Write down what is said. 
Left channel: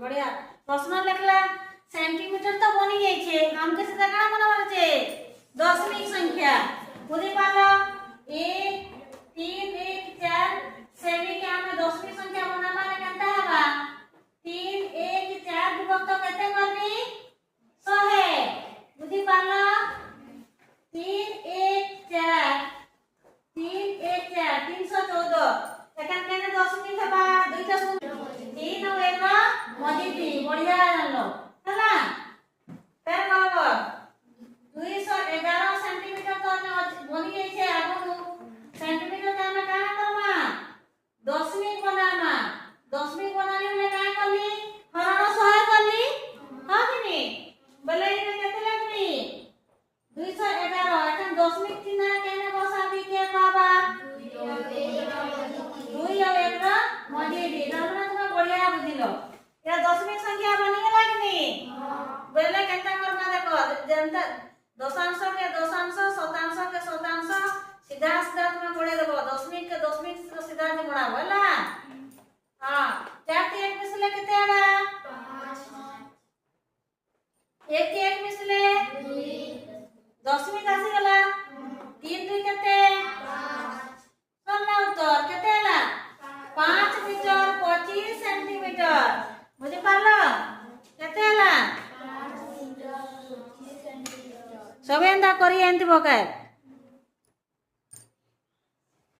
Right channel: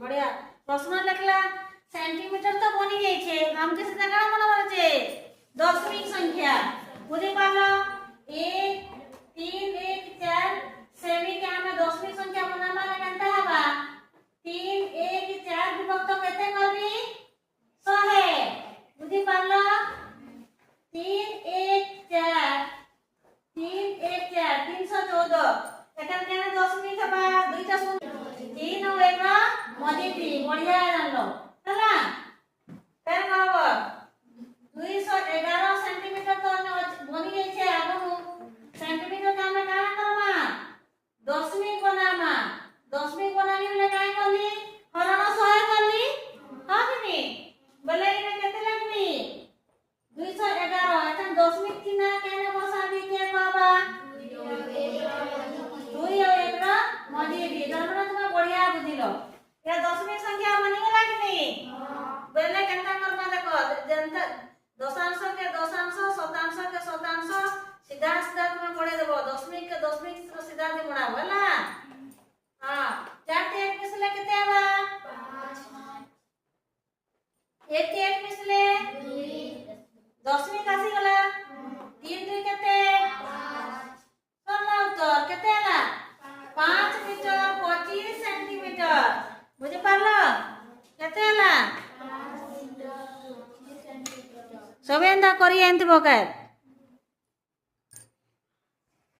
बढ़िया प्रश्न लिखला सेंटीमीटर तो बनी जाय छे हमके से काना बनावल छे दशमिक संख्या बुझी पारलो 1 3 1 4 सेमी के हमें दशमिक संख्या बनावा ले केनता हबा 3 1 4 विभक्त केते करबी 100 बुझी पारलो 3 1 4 3 1 4 314 एखन केने दशमिक हबा दुईटा शून्य 3 और 1 मल्टीप्ली बढ़िया जानलो हला फेर कहबो 211 सेंटीमीटर तो बनी जाय छे आगु सेंटीमीटर के हमें काना करमा दशमिक बनानी ले काय करली हरण 100 करली हां कि नहीं बोले इने केते लागबी 211 एखन दशमिक चिन्ह केने बसाबी के कहबा 2 और 1 मल्टीप्ली तरपण तुम बढ़िया बुझिलो या दशमिक संख्या बनी गेला कि नहीं बोले केनता करबा देखो जनता दशांश के दशांश शतांश के शतांश सीधा सीधा तुम्हें पढ़े देबो दशमिक के दशमिक तो सीधा से पढ़ाबो हला हां 4 के 1 मिसले केते आबा 1 के 1 मिसले 2 दशमिक आसी गला 3 2 केते 5 सरला उत्तर केते आला 5 मीटर 25 सेंटीमीटर बुझी पारलो केते आला 5 मीटर 25 सेंटीमीटर सबेंदा करी एंत बकार